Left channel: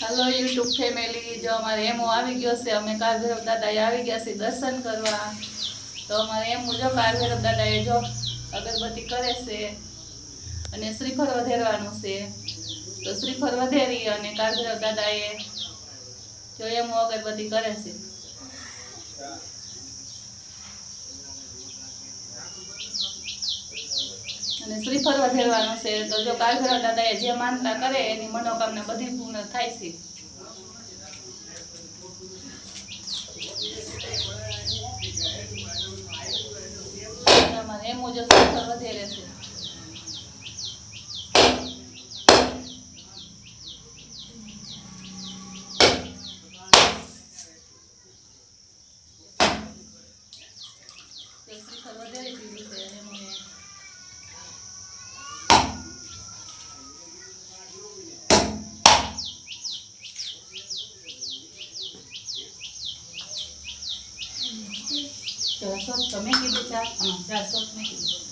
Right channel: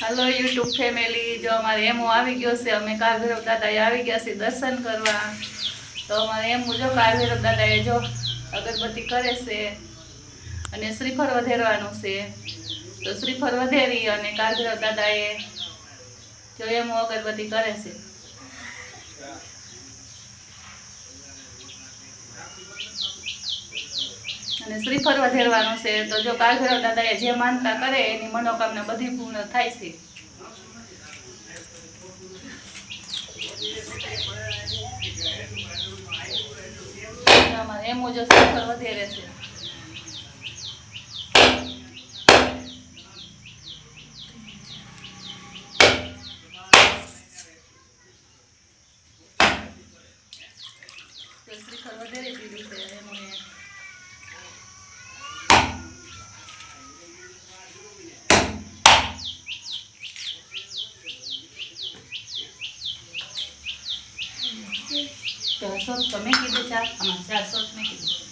હાલો YouTube family જો અમારે એમો આવી ગયો છે, અમે કાળભૈરવ દાદા આવી ગયા છે દર્શન કરવા. તો અમારે એમ જો કાળભૈરવ દાદાએ જો અગરબત્તી કરે છે અને શ્રીફળ વધેરવાનું છે. તો શ્રીફળ વધેરી અને કાળભૈરવ દાદાએ જો એમો અગરબત્તી કરે છે. અને શ્રીફળ વધેરવાનું છે. તો જો કાળભૈરવ દાદાએ જે માનતા કરે એની મનોકામના બધી પૂર્ણ થાય છે. શ્રીફળ વધેરે છે. શ્રીફળ વધેરી દીધું છે. ચારસો તમે કીધું ચાર આમાં ચારસો તમે કીધું